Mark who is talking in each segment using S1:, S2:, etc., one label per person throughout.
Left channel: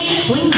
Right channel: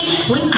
S1: 我们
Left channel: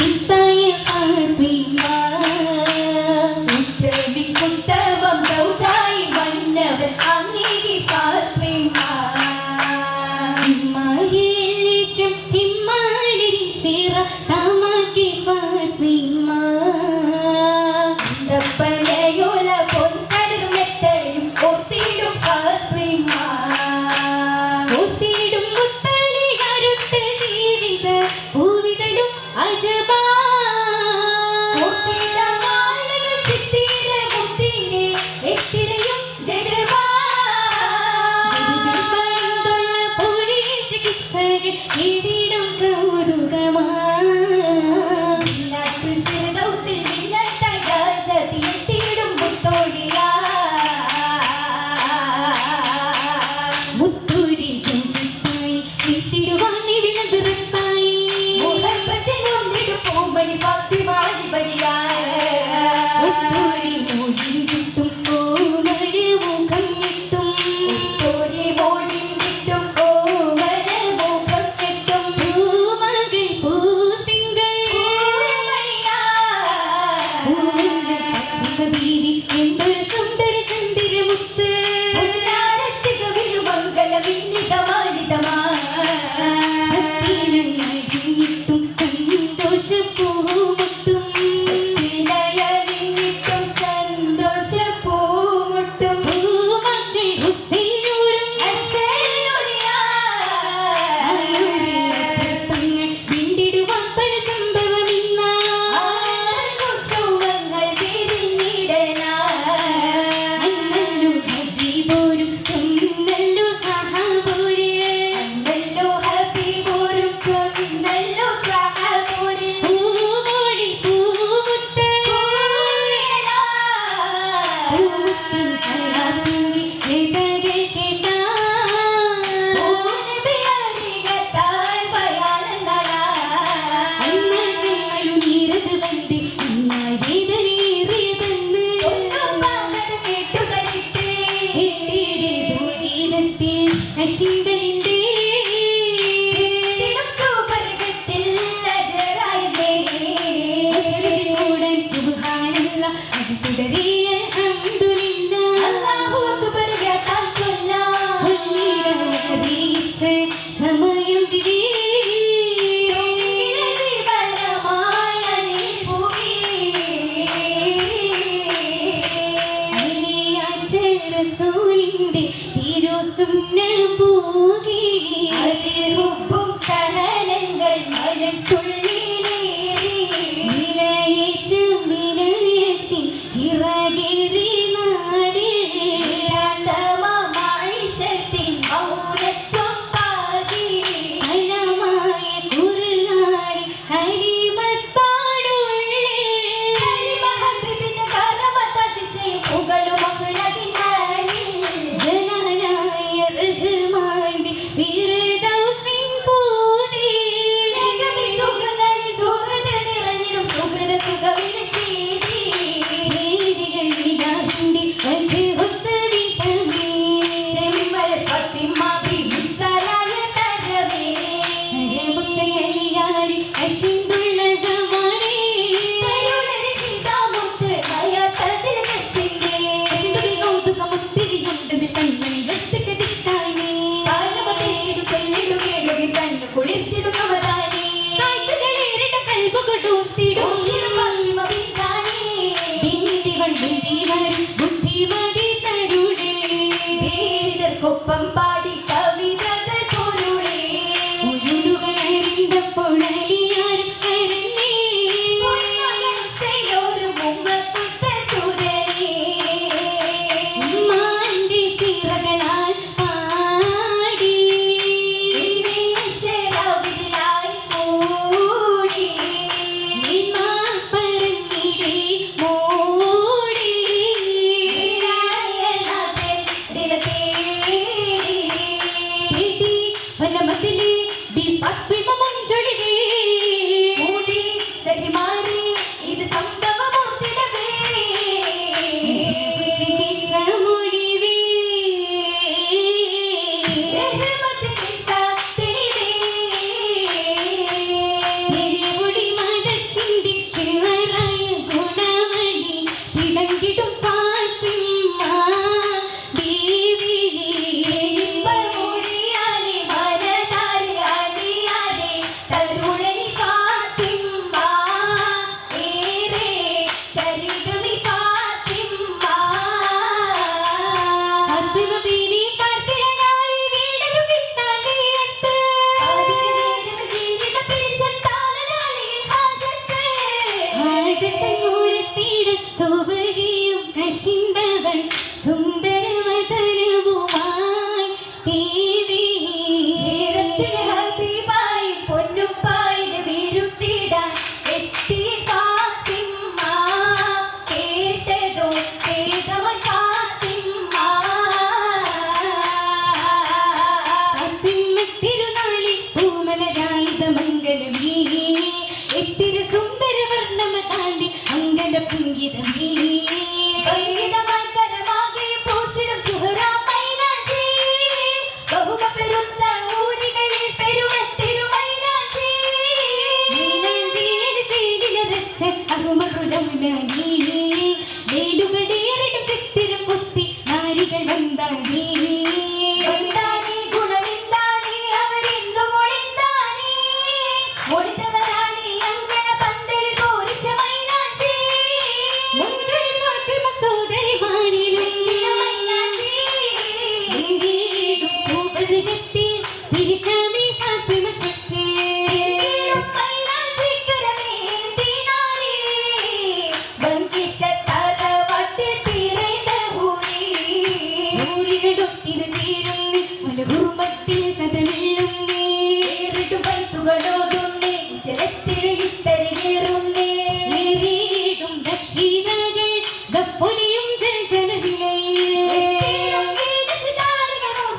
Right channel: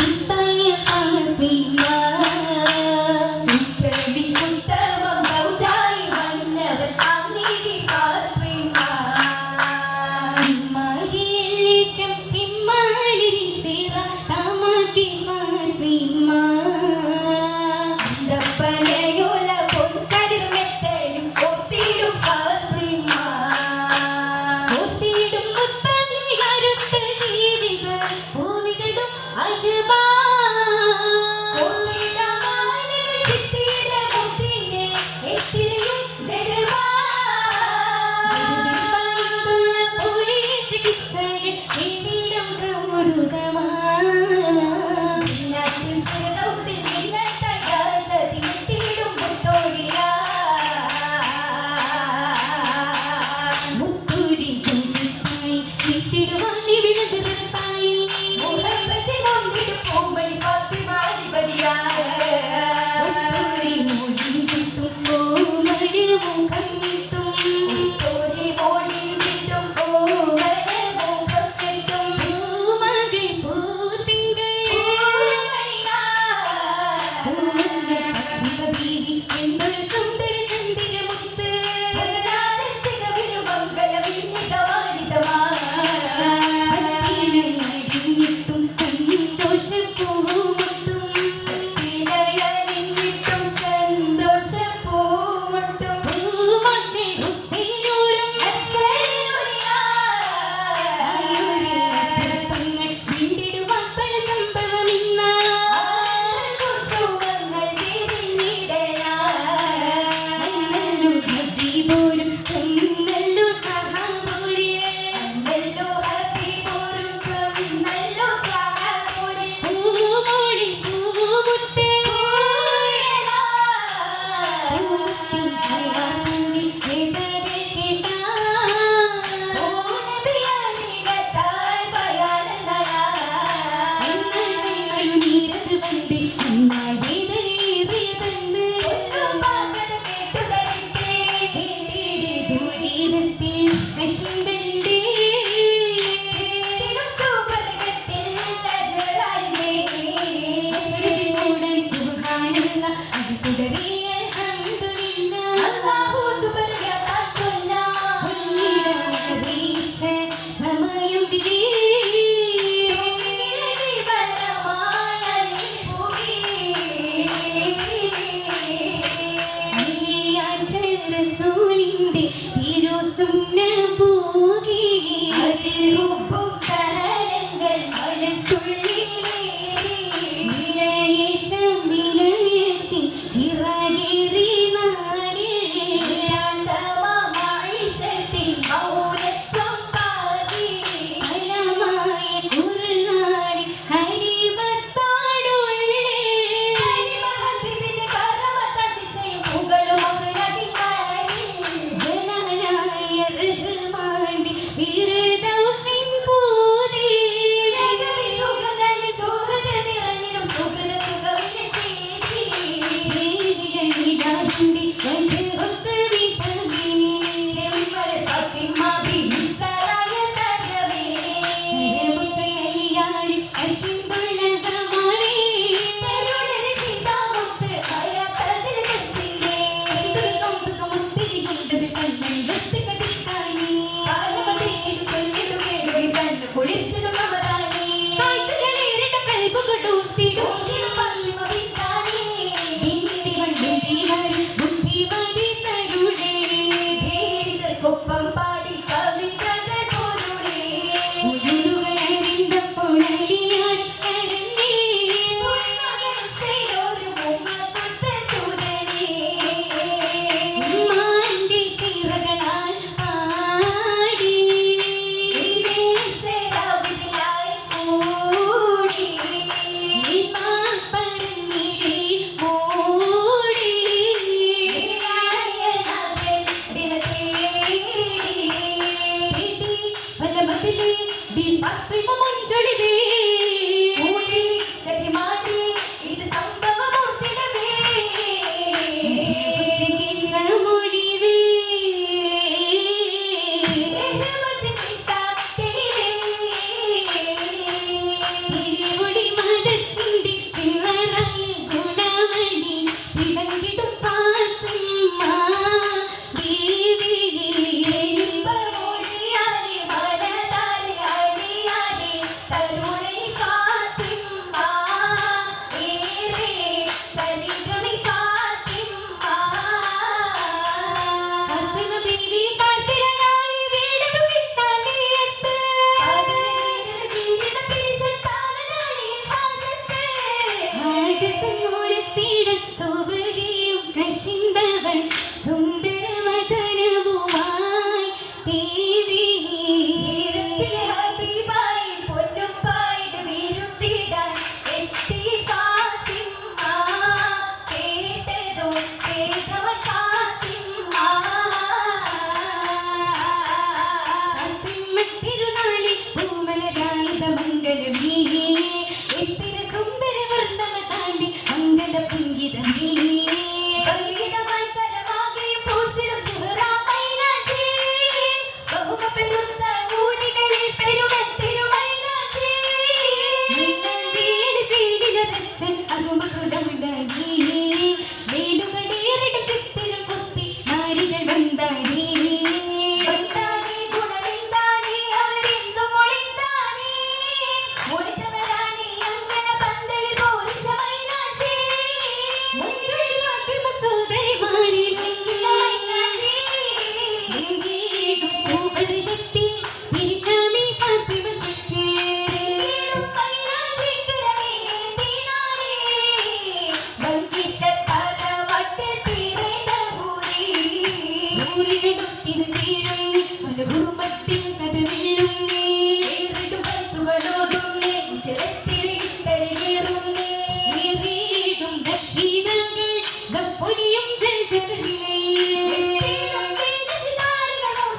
S1: He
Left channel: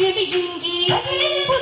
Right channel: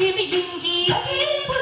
S1: Jimmy
S2: Dingy.